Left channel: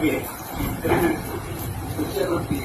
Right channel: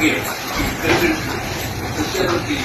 ನಮಗೆ ಸಸ್ಯಾರೋಗ್ಯ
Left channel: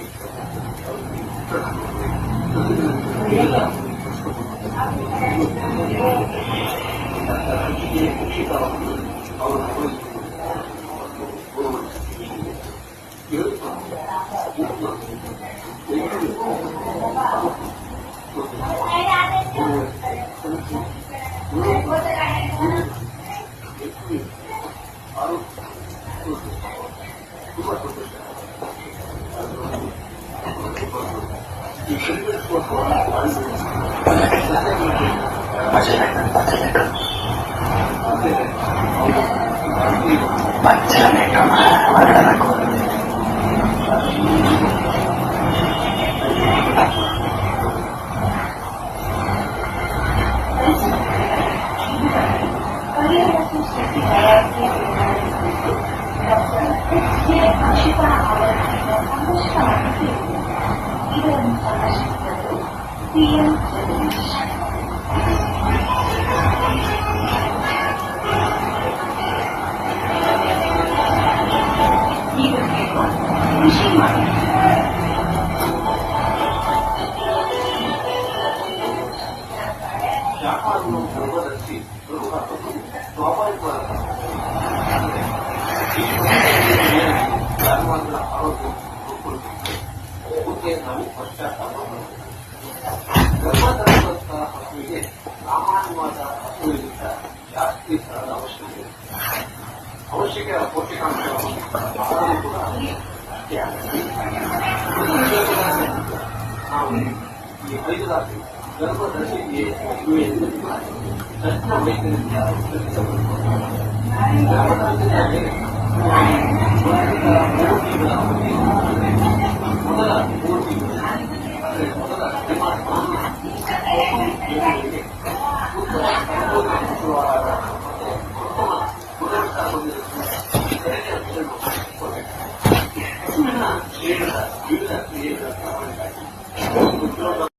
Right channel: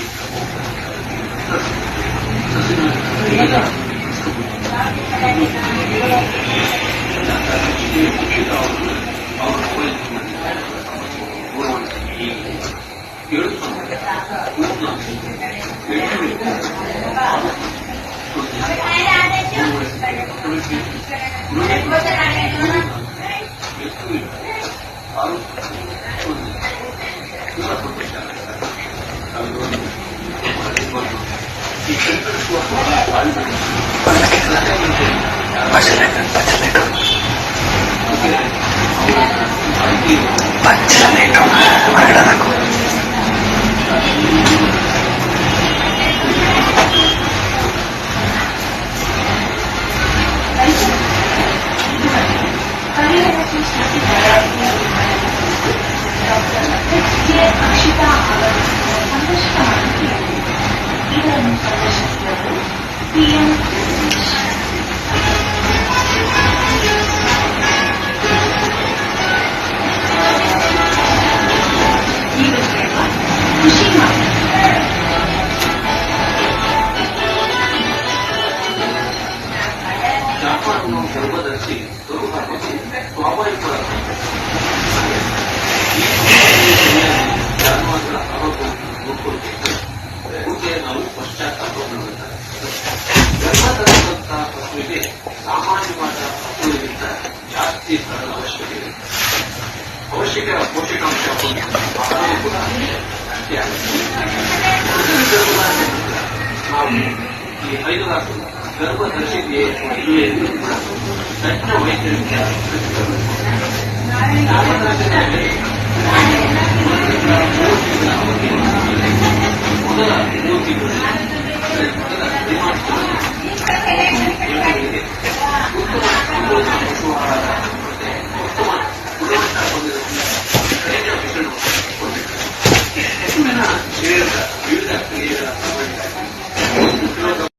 ಗರ್ಭಧರಿಸಿ ಸ್ವಾಭಾವಿಕ ಜಾನುವಾರುಗಳ ಆರೋಗ್ಯ ನೋಡ್ಕೊಳ್ಬೇಕು ನಾವು ಪಶ್ಚಾತ್ತಾಪ ಗರ್ಭಧರಿಸಿದಂತಹ ಪಶುವಿಗೆ ಸಾಮಾನ್ಯವಾದ ಹಸುವಿಗಿಂತ ಜಾಸ್ತಿ ಸ್ಥಳದ ಅವಶ್ಯಕತೆ ಅವಶ್ಯಕ ಪೋಷಕಾಂಶ ಕೂಡ ಅಷ್ಟೇ ನಾವು ಈ 5 ತಾಸು ಗರ್ಭಧರಿಸಿದೆಯೇ ಇಲ್ಲವೇ ತಜ್ಞ ವೈದ್ಯರಿಂದ